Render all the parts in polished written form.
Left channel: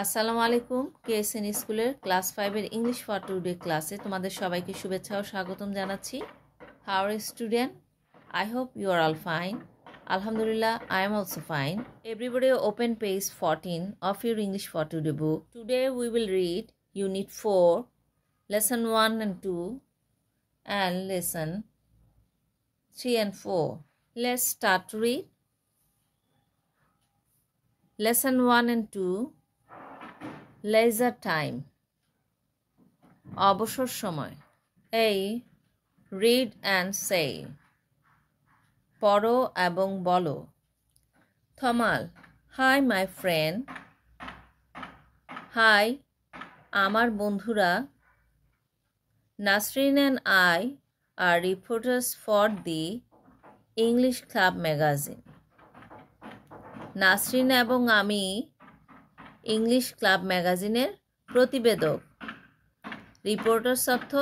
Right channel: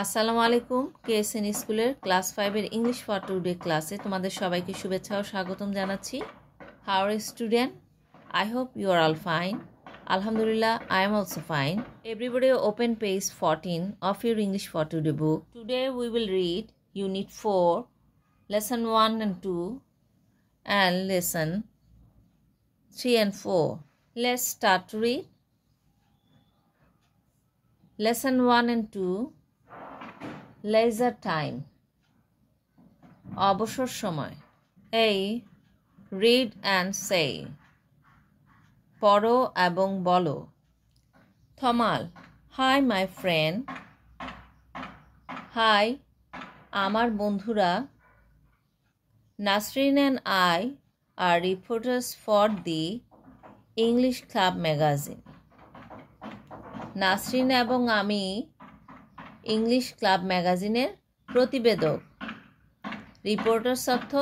আসসালামু আলাইকুম কেএসএন স্কুলের ক্লাস 5 এর ইংলিশ ফর টুডে ক্লাসে তোমাদের সবাইকে শুভেচ্ছা ও স্বাগতম জানাচ্ছি। How are student? I hope you are all fine. Alhamdulillah, I am also fine. Everybody open page 14 of your English for today book. Today we will read Unit 4, Lesson 1 and 2 and Lesson 3 and 4. Let's start to read. Lesson 1 and 2. Leisure time. অবসর সময়। A. Read and say. পড়ো এবং বলো। Thamal. Hi my friend. Hi আমার বন্ধুরা। Nasreen and I are reporters for the English Club magazine. Nasrin এবং আমি English club ম্যাগাজিনের প্রতিবেদক। রিপোর্টার্স অর্থ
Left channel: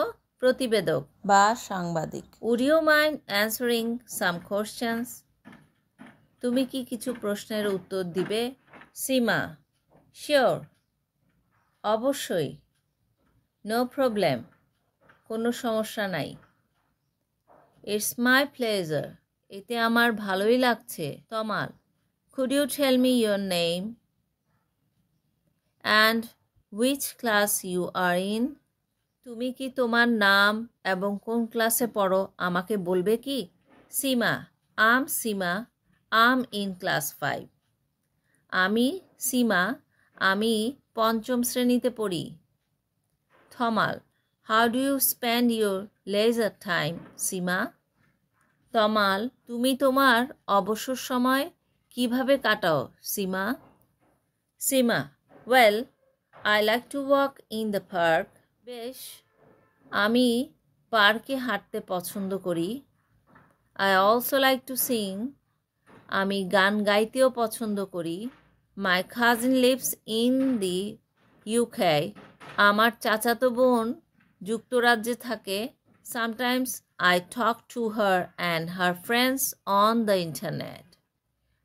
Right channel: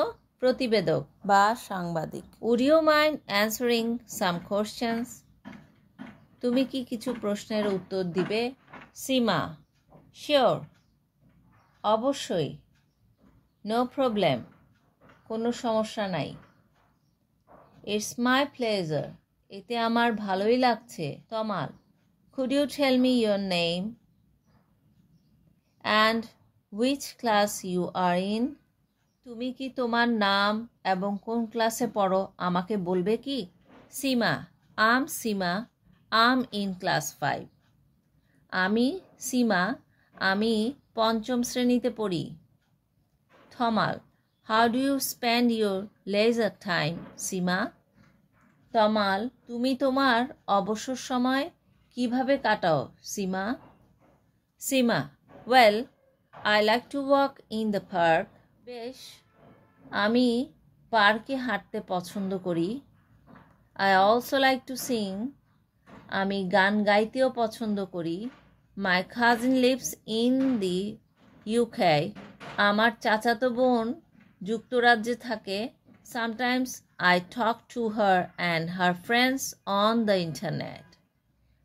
প্রতিবেদক বা সাংবাদিক। Would you mind answering some questions? তুমি কি কিছু প্রশ্নের উত্তর দিবে? সীমা. শিওর, অবশ্যই। নো প্রবলেম, কোনো সমস্যা নাই। ইটস মাই প্লেজার, এতে আমার ভালোই লাগছে। Tamal. Could you tell me your name and which class you are in? তুমি কি তোমার নাম এবং কোন ক্লাসে পড়ো আমাকে বলবে কি? Seema. I'm Seema, I'm in class 5. আমি সীমা, আমি পঞ্চম শ্রেণীতে পড়ি। Tamal. How do you spend your leisure time Seema? Tamal. তুমি তোমার অবসর সময় কিভাবে কাটাও সীমা? সীমা. Well, I like to walk in the park. বেশ, আমি পার্কে হাঁটতে পছন্দ করি। I also like to sing. আমি গান গাইতেও পছন্দ করি। My cousin lives in the UK. আমার চাচাতো বোন যুক্তরাজ্যে থাকে। Sometimes I talk to her and her friends on the internet.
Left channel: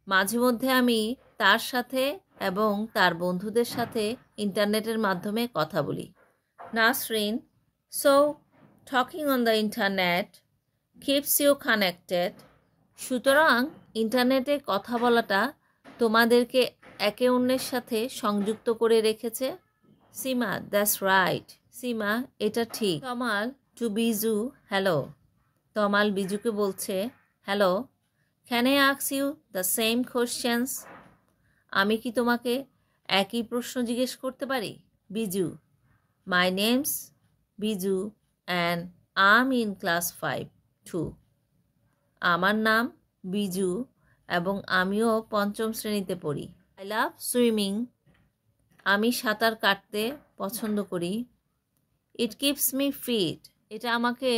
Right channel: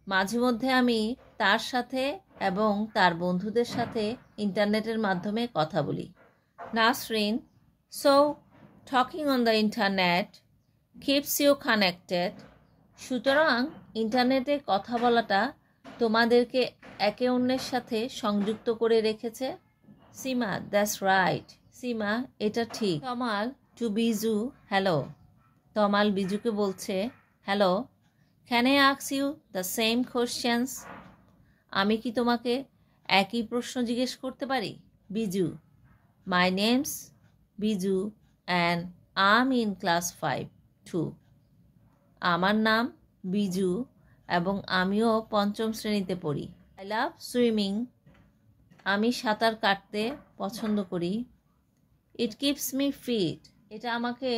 মাঝে মধ্যে আমি তার সাথে এবং তার বন্ধুদের সাথে ইন্টারনেটের মাধ্যমে কথা বলি। Nasrin. So talking on the internet keeps you connected. সুতরাং ইন্টারনেটে কথা বলাটা তোমাদেরকে একে অন্যের সাথে সংযুক্ত করে রেখেছে। সীমা. দ্যাটস রাইট সীমা, এটা ঠিক। তমাল টু বিজু. হ্যালো। তমাল বিজুকে বলছে hello. Can I ask you the same questions? আমি কি তোমাকে একই প্রশ্ন জিজ্ঞেস করতে পারি? Biju. My name's Biju and am in class 5 2. আমার নাম বিজু এবং আমিও পঞ্চম শ্রেণীতে পড়ি। I love swimming. আমি সাঁতার কাটতে পছন্দ করি। It keeps me fit. এটা আমাকে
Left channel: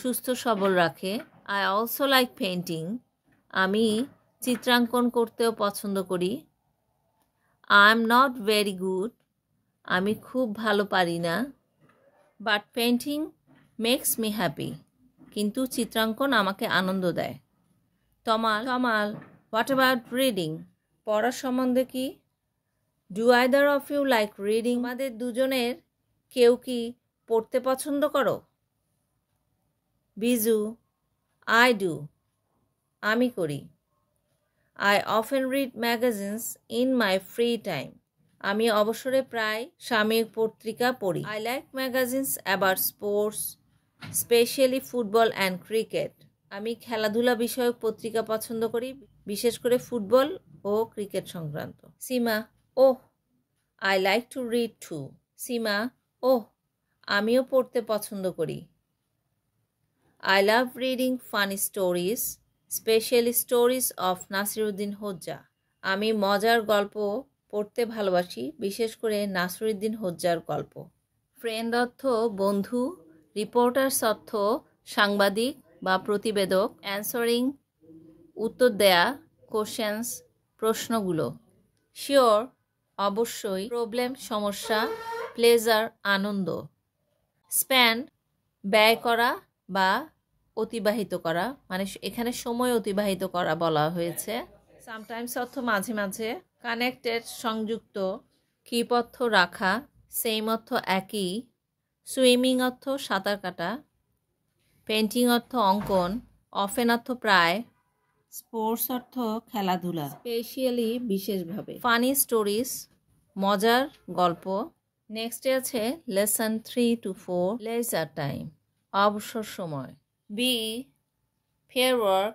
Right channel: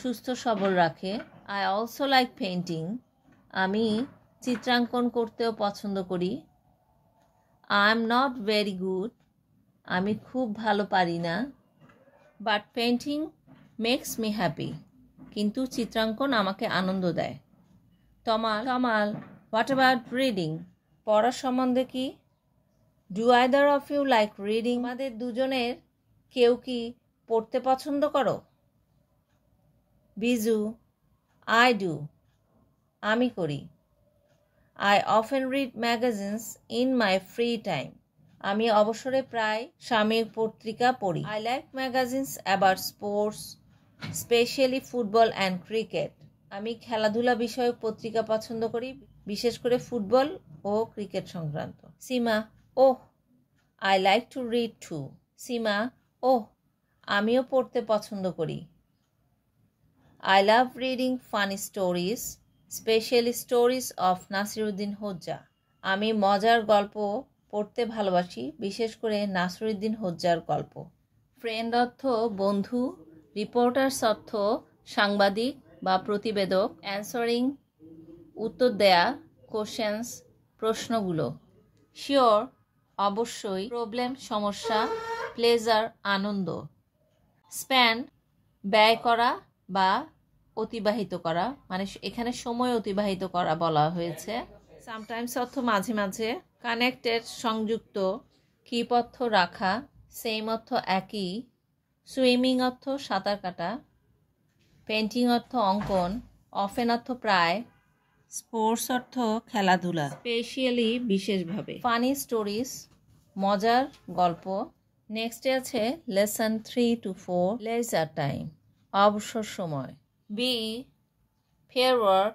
সুস্থ সবল রাখে। I also like painting. আমি চিত্রাঙ্কন করতেও পছন্দ করি। I am not very good. আমি খুব ভালো পারি না। But painting makes me happy. কিন্তু চিত্রাঙ্কন আমাকে আনন্দ দেয়। তমাল. What about reading? পড়া সম্বন্ধে কি? Do either of you like reading? আমাদের দুজনের কেউ কি পড়তে পছন্দ করো? বিজু. I do. আমি করি। I often read magazines in my free time. আমি অবসরে প্রায় সাময়িক পত্রিকা পড়ি। I like magazines about sports, especially football and cricket. আমি খেলাধুলা বিষয়ক পত্রিকা পছন্দ করি, বিশেষ করে ফুটবল ও ক্রিকেট সংক্রান্ত। সীমা. ওহ, I like to read too. সীমা. ওহ, আমিও পড়তে পছন্দ করি। I love reading funny stories, specially stories of Nasiruddin Hodja. আমি মজার গল্প পড়তে ভালোবাসি, বিশেষ করে নাসিরুদ্দিন হোজ্জার গল্প। ফ্রেন্ড অর্থ বন্ধু, রিপোর্টার্স অর্থ সাংবাদিক বা প্রতিবেদক, অ্যান্সারিং উত্তর দেয়া, কোশ্চেন্স প্রশ্নগুলো, শিওর অবশ্যই, প্রবলেম সমস্যা, প্লেজার আনন্দ, স্পেন্ড ব্যয় করা বা অতিবাহিত করা, মানে এখানে সময় অতিবাহিত করা বলা হয়েছে। সামটাইমস অর্থ মাঝে মাঝে, কানেক্টেড সংযুক্ত, কিপ অর্থ রাখা, সেম অর্থ একই, সুইমিং অর্থ সাঁতার কাটা, পেন্টিং অর্থ অঙ্কন, অফেন অর্থ প্রায়, স্পোর্টস অর্থ খেলাধুলা, স্পেশালি বিশেষভাবে, ফানি স্টোরিজ মজার গল্প। নেক্সটে আছে লেসন 3 to 4 লেজার টাইম অবসর সময়। বি ফেয়ার ওয়ার্ক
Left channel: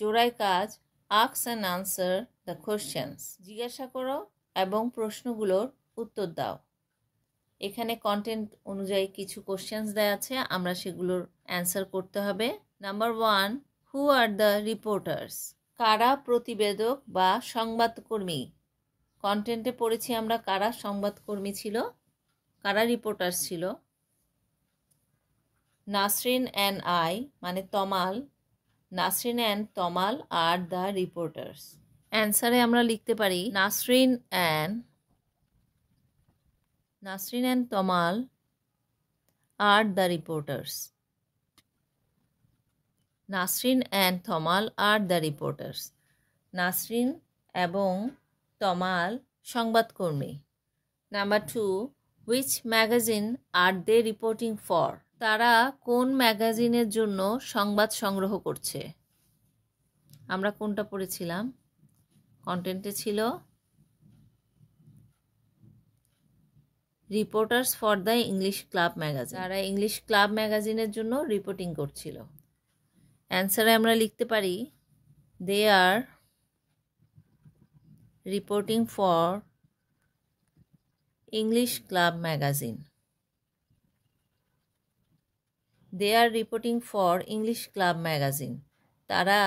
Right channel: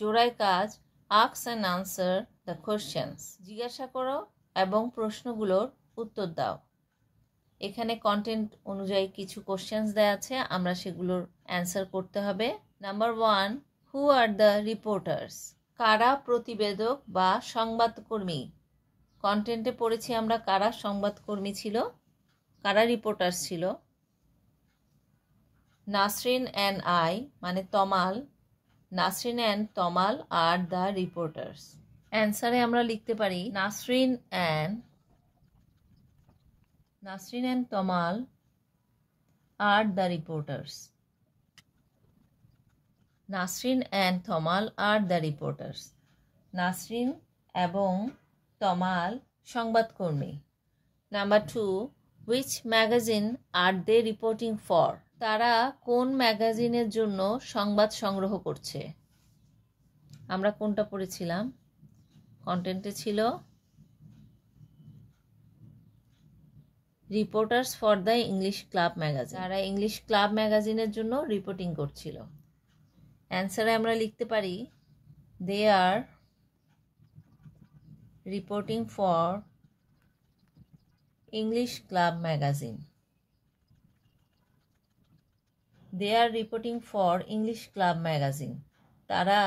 জোড়ায় কাজ, ask and answer the questions জিজ্ঞাসা করো এবং প্রশ্নগুলোর উত্তর দাও। এখানে কন্টেন্ট অনুযায়ী কিছু কোশ্চেন্স দেওয়া আছে, আমরা সেগুলোর অ্যান্সার করতে হবে। Number 1, who R the reporters? কারা প্রতিবেদক বা সংবাদকর্মী? কন্টেন্টে পড়েছি আমরা কারা সংবাদকর্মী ছিল, কারা রিপোর্টার্স ছিল। নাসরিন অ্যান্ড আই মানে Tamal, Nasrin and Tamal are the reporters. অ্যান্সারে আমরা লিখতে পারি Nasrin and Tamal are the reporters. Nasrin and Tamal are the reporters. Nasrin এবং তমাল সংবাদকর্মী। Number 2, which magazine are they reporting for? তারা কোন ম্যাগাজিনের জন্য সংবাদ সংগ্রহ করছে? আমরা কোনটা পড়েছিলাম? কন্টেন্টে ছিল reporters for the English club magazine. তারা ইংলিশ ক্লাব ম্যাগাজিনের জন্য রিপোর্টিং করছিল। অ্যান্সারে আমরা লিখতে পারি they are reporting for English club magazine. They are reporting for English club magazine. তারা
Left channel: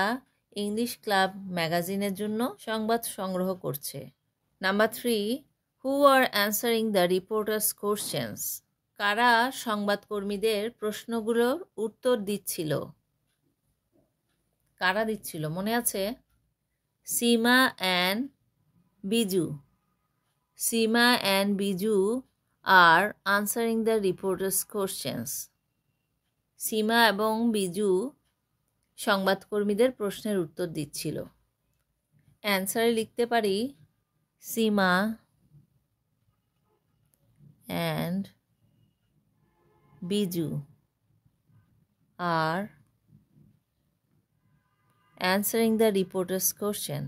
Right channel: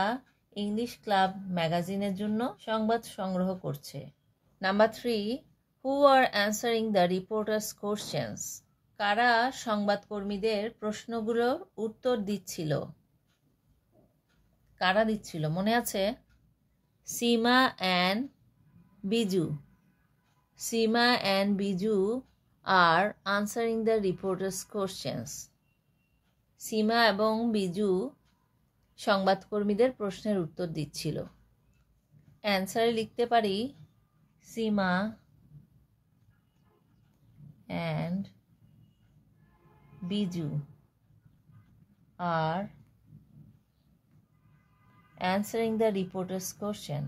ইংলিশ ক্লাব ম্যাগাজিনের জন্য সংবাদ সংগ্রহ করছে। Number 3, who are answering the reporters questions? কারা সংবাদকর্মীদের প্রশ্নগুলোর উত্তর দিচ্ছিল? কারা দিচ্ছিল মনে আছে? Seema and Biju. Seema and Biju are answering the reporters questions. Seema এবং বিজু সংবাদকর্মীদের প্রশ্নের উত্তর দিচ্ছিল। অ্যান্সারে লিখতে পারি Seema and Biju are answering the reporter's question.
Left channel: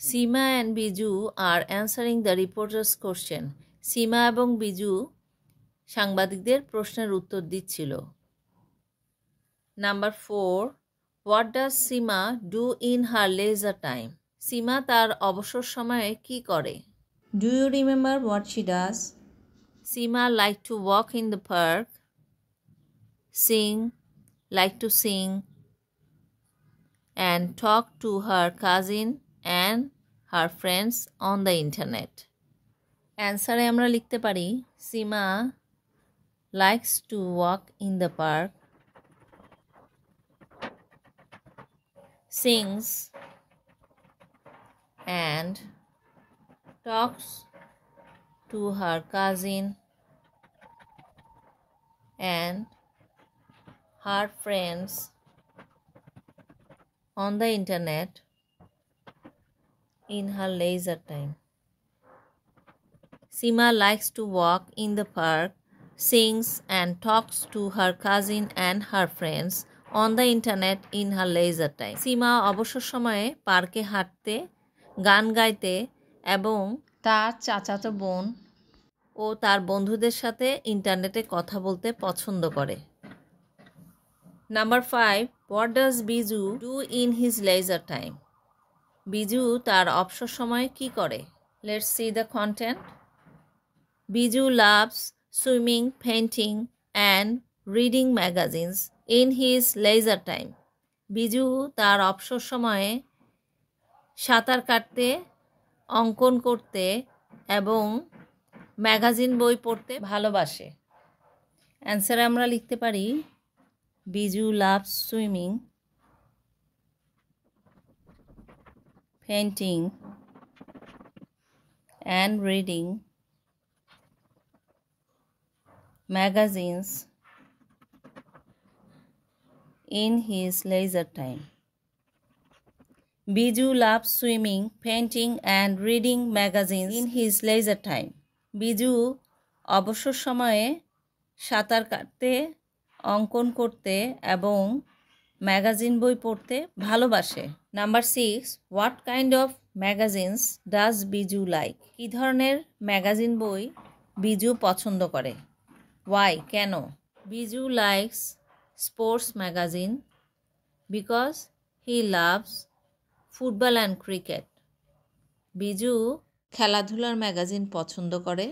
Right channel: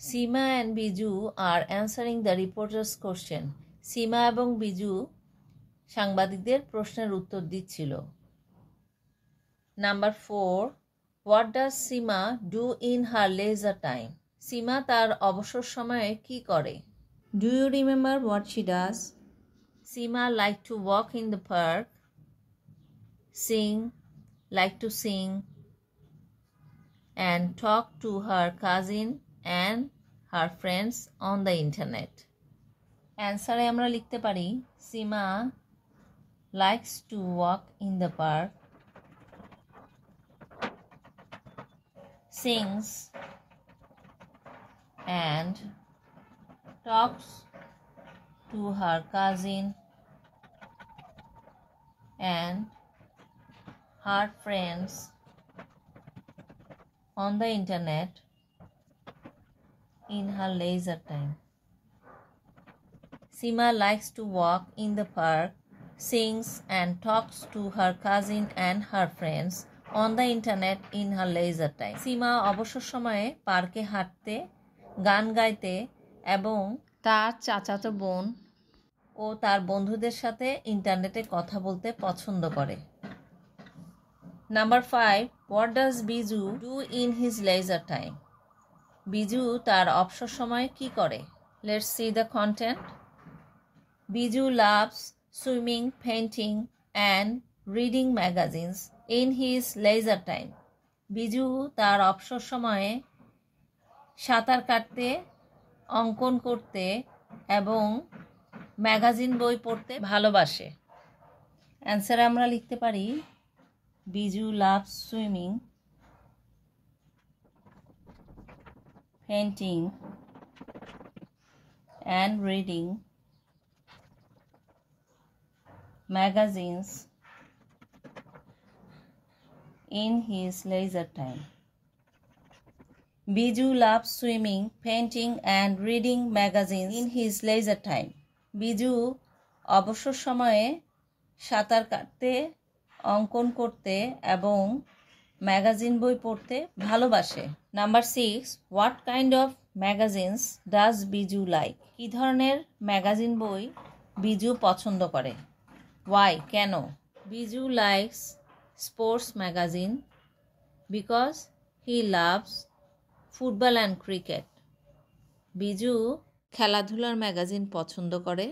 Seema and Biju are answering the reporter's question. Seema এবং বিজু সাংবাদিকদের প্রশ্নের উত্তর দিচ্ছিল। Number 4, what does Seema do in her leisure time? সীমা তার অবসর সময়ে কি করে? Do you remember what she does? Seema like to walk in the park, like to sing and talk to her cousin and her friends on the internet. অ্যান্সারে আমরা লিখতে পারি সীমা likes to walk in the park, sings and talks to her cousin and her friends on the internet in her leisure time. Seema likes to walk in the park, sings and talks to her cousin and her friends on the internet in her leisure time. Seema অবসর সময়ে পার্কে হাঁটতে, গান গাইতে এবং তার চাচাতো বোন ও তার বন্ধুদের সাথে ইন্টারনেটে কথা বলতে পছন্দ করে। Number 5, what does Biju do in his leisure time? Biju তার অবসর সময়ে কি করে? Let's see the content. Biju loves swimming, painting and reading magazines in his leisure time. Biju তার অবসর সময়ে সাঁতার কাটতে, অঙ্কন করতে এবং ম্যাগাজিন বই পড়তে ভালোবাসে। অ্যান্সারে আমরা লিখতে পারি Biju loves swimming, painting and reading magazines in his leisure time. Biju loves swimming, painting and reading magazines in his leisure time. Biju অবসর সময়ে সাঁতার কাটতে, অঙ্কন করতে এবং ম্যাগাজিন বই পড়তে ভালোবাসে। Number 6, what kind of magazines does Biju like? কী ধরনের ম্যাগাজিন বই বিজু পছন্দ করে? ওয়াই, কেন? Biju likes sports magazine because he loves football and cricket. Biju খেলাধুলার ম্যাগাজিন পছন্দ করে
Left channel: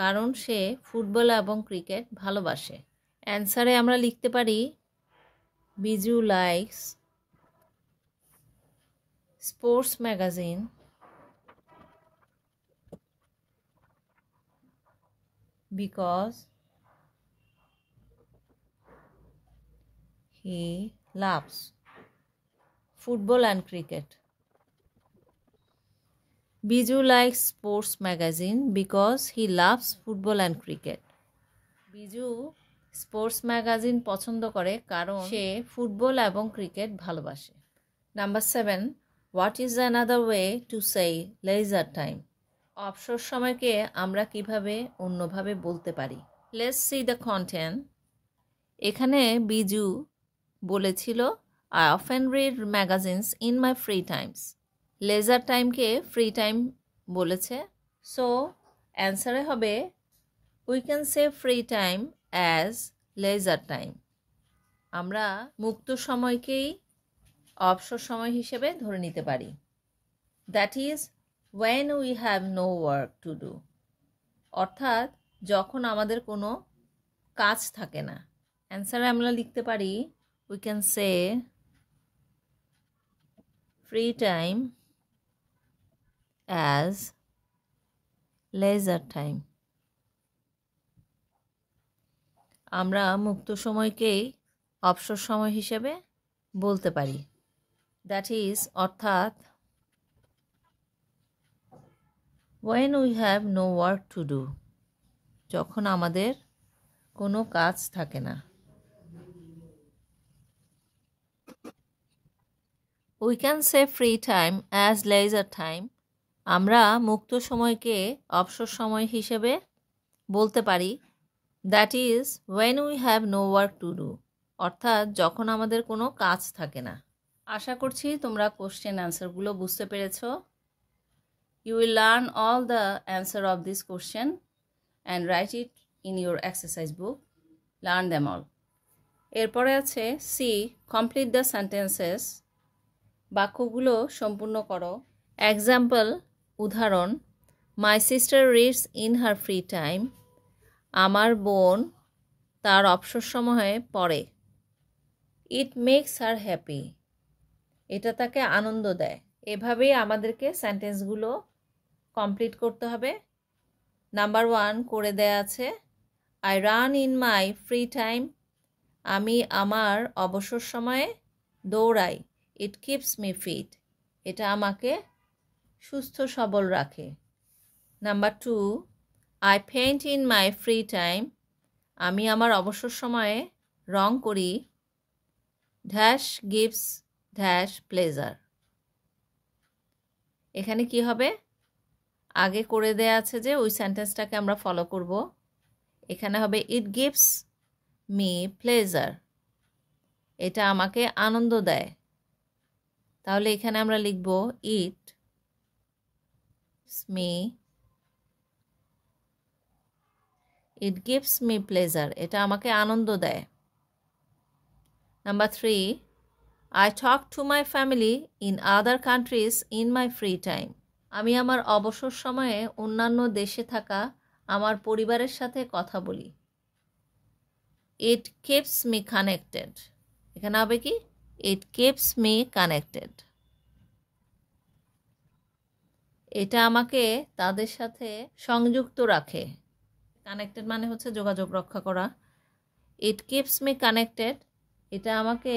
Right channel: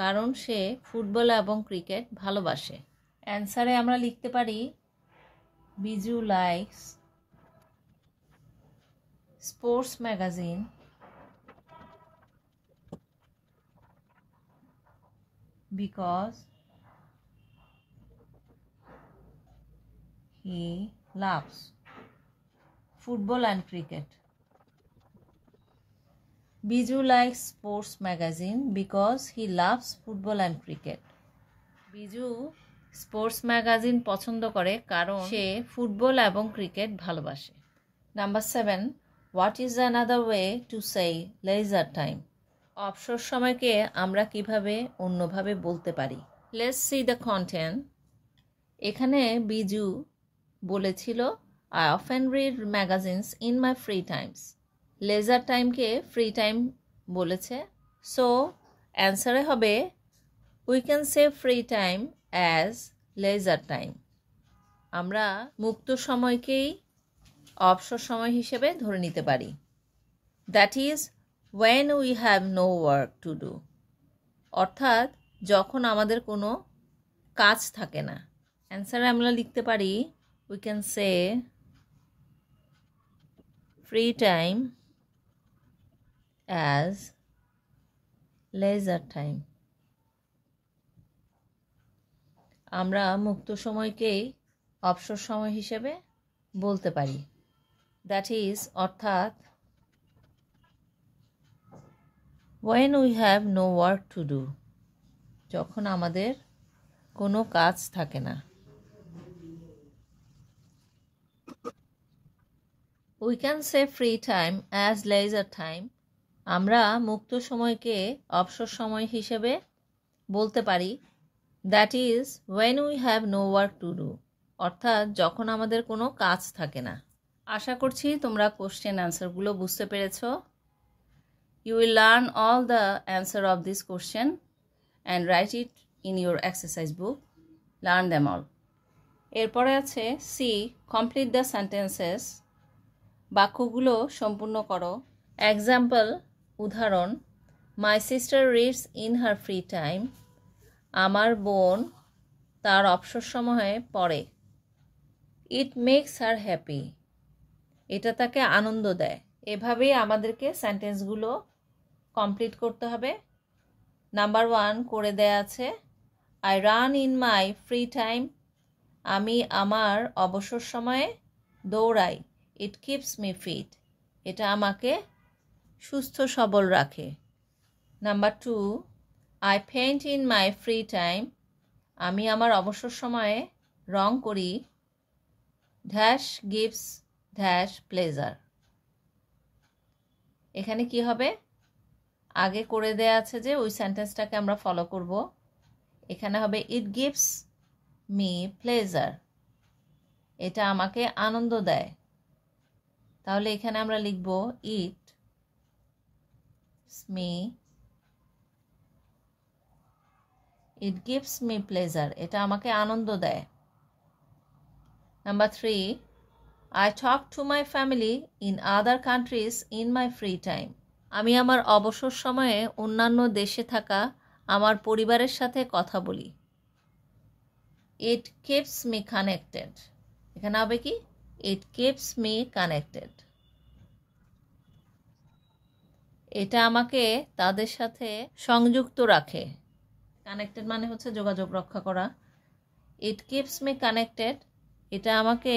কারণ সে ফুটবল এবং ক্রিকেট ভালোবাসে। অ্যান্সারে আমরা লিখতে পারি Biju likes sports magazine because he loves football and cricket. Biju likes sports magazine because he loves football and cricket. Biju sports magazine পছন্দ করে কারণ সে ফুটবল এবং ক্রিকেট ভালোবাসে। Number 7, what is another way to say leisure time? অবসর সময়কে আমরা কিভাবে অন্যভাবে বলতে পারি? Let's see the content. এখানে বিজু বলেছিল I often read magazines in my free times. Leisure টাইমকে ফ্রি টাইম বলেছে, সো অ্যান্সারে হবে we can say free time as leisure time. আমরা মুক্ত সময়কেই অবসর সময় হিসেবে ধরে নিতে পারি। That is when we have no work to do, অর্থাৎ যখন আমাদের কোনো কাজ থাকে না। অ্যান্সারে আমরা লিখতে পারি we can say free time as leisure time. আমরা মুক্ত সময়কেই অবসর সময় হিসেবে বলতে পারি। দ্যাট ইজ অর্থাৎ when we have no work to do, যখন আমাদের কোনো কাজ থাকে না। We can say free time as leisure time. আমরা মুক্ত সময়কে অবসর সময় হিসেবে বলতে পারি। That is when we have no work to do, অর্থাৎ যখন আমাদের কোনো কাজ থাকে না। আশা করছি তোমরা কোশ্চেন অ্যান্সারগুলো বুঝতে পেরেছ। You will learn all the answer of this question and write it in your exercise book. Learn them all. এরপরে আছে সি, কমপ্লিট দ্য সেন্টেন্সেস। বাক্যগুলো সম্পূর্ণ করো। এক্সাম্পল, উদাহরণ, my sister reads in her free time. আমার বোন তার অবসর সময়ে পড়ে। It makes her happy. এটা তাকে আনন্দ দেয়। এভাবেই আমাদেরকে সেন্টেন্সগুলো কমপ্লিট করতে হবে। নাম্বার 1 করে দেয়া আছে, I run in my free time. আমি আমার অবসর সময়ে দৌড়াই। It keeps me fit. এটা আমাকে সুস্থ সবল রাখে। Number 2, I paint in my free time. আমি আমার অবসর সময়ে রং করি। Dash gives dash pleasure. এখানে কি হবে? আগে করে দেয়া আছে যে ওই সেন্টেন্সটাকে আমরা ফলো করব। এখানে হবে ইট গিভস মি প্লেজার। এটা আমাকে আনন্দ দেয়। তাহলে এখানে আমরা লিখব it me, it gives me pleasure. এটা আমাকে আনন্দ দেয়। Number 3, I talk to my family in other countries in my free time. আমি আমার অবসর সময়ে অন্যান্য দেশে থাকা আমার পরিবারের সাথে কথা বলি। ইট কিপস মি কানেক্টেড। এখানে হবে কি? ইট কিপস মি কানেক্টেড। এটা আমাকে তাদের সাথে সংযুক্ত রাখে। কানেক্টেড মানে হচ্ছে যোগাযোগ রক্ষা করা। It keeps me connected. এটা আমাকে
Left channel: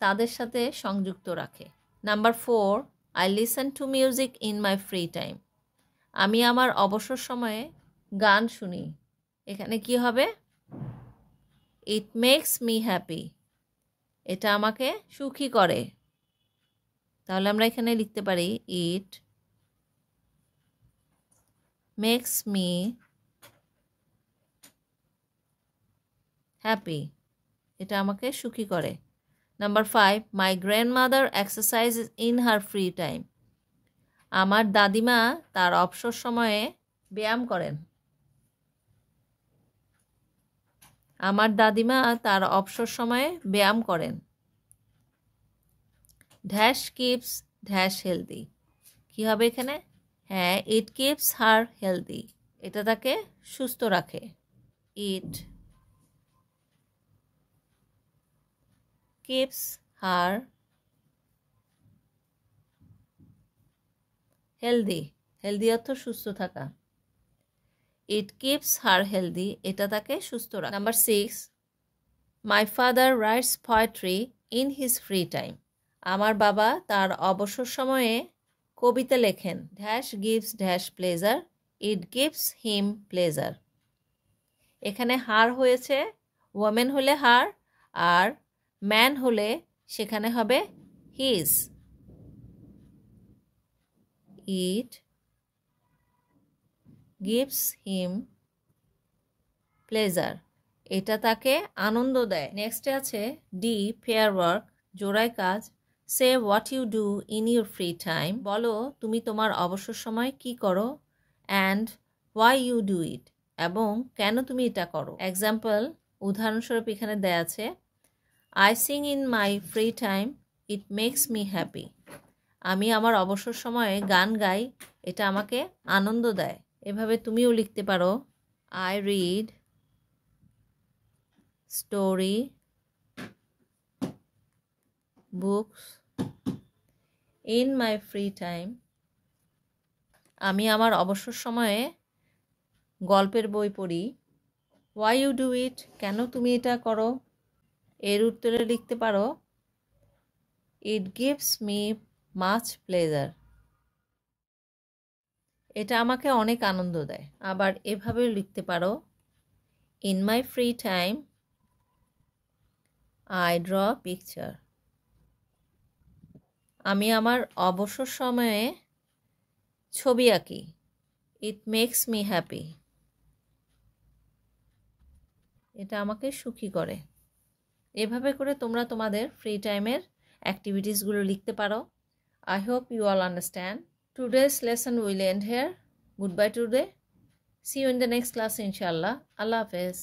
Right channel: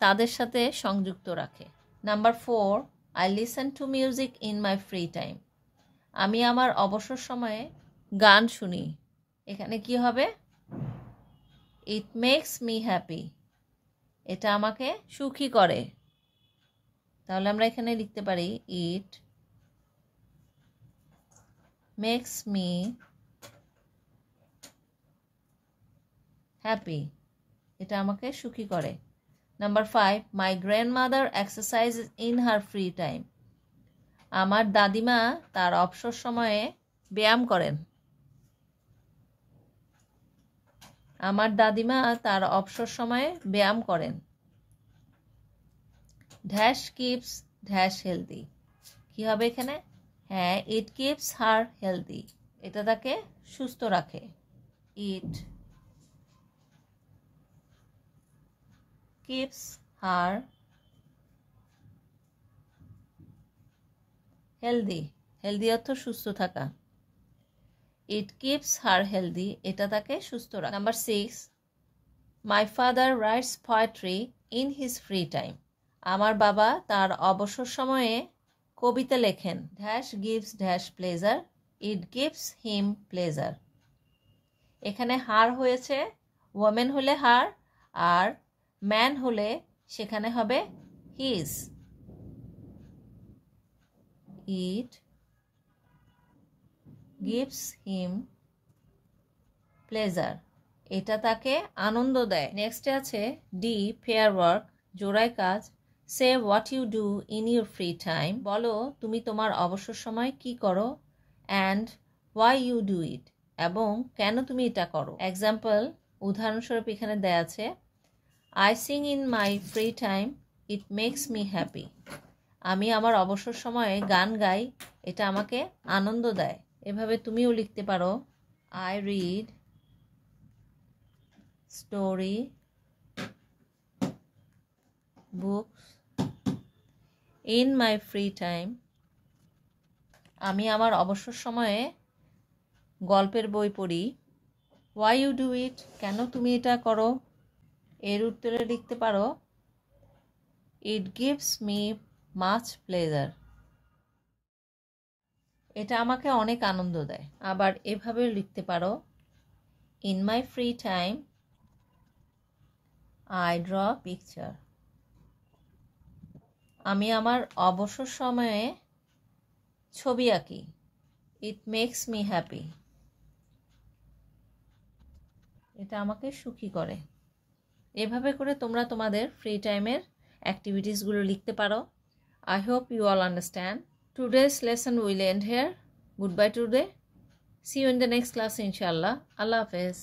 তাদের সাথে সংযুক্ত রাখে। Number 4, I listen to music in my free time. আমি আমার অবসর সময়ে গান শুনি। এখানে কি হবে? It makes me happy. এটা আমাকে সুখী করে। তাহলে আমরা এখানে লিখতে পারি ইট মেক্স মি হ্যাপি, এটা আমাকে সুখী করে। Number 5, my grandmother exercise in her free time. আমার দাদিমা তার অবসর সময়ে ব্যায়াম করেন। আমার দাদিমা তার অবসর সময়ে ব্যায়াম করেন। ড্যাশ কিপস ড্যাশ হেলদি, কী হবে এখানে? হ্যাঁ, ইট কিপস হার হেলদি, এটা তাকে সুস্থ রাখে। It keeps her healthy, healthy অর্থ সুস্থ থাকা। ইট কিপস হার হেলদি, এটা তাকে সুস্থ রাখে। Number 6, my father rights poetry in his free time. আমার বাবা তার অবসর সময়ে কবিতা লেখেন। Dash gives dash pleasure, it gives him pleasure. এখানে হার হয়েছে, ওমেন হলে হার, আর ম্যান হলে সেখানে হবে his. It gives him pleasure, এটা তাকে আনন্দ দেয়। নেক্সটে আছে ডি, ফেয়ার ওয়ার্ক, জোড়ায় কাজ। Say what you do in your free time, বলো তুমি তোমার অবসর সময় কি করো। And why you do it, এবং কেন তুমি এটা করো। এক্সাম্পল, উদাহরণস্বরূপ এখানে দেয়া আছে, I sing in my free time, it makes me happy. আমি আমার অবসর সময়ে গান গাই, এটা আমাকে আনন্দ দেয়। এভাবে তুমিও লিখতে পারো, I read story books in my free time. আমি আমার অবসর সময়ে গল্পের বই পড়ি। হোয়াই ইউ ডু ইট, কেন তুমি এটা করো। এর উত্তরে লিখতে পারো, ইট গিভস মি মাচ প্লেজার, এটা আমাকে অনেক আনন্দ দেয়। আবার এভাবে লিখতে পারো, in my free time I draw picture. আমি আমার অবসর সময়ে ছবি আঁকি। ইট মেক্স মি হ্যাপি, এটা আমাকে সুখী করে। এভাবে করে তোমরা তোমাদের ফ্রি টাইমের অ্যাক্টিভিটিসগুলো লিখতে পারো। I hope you all understand. Today's lesson will end here. Goodbye today. See you in the next class, inshallah. Allah Hafiz.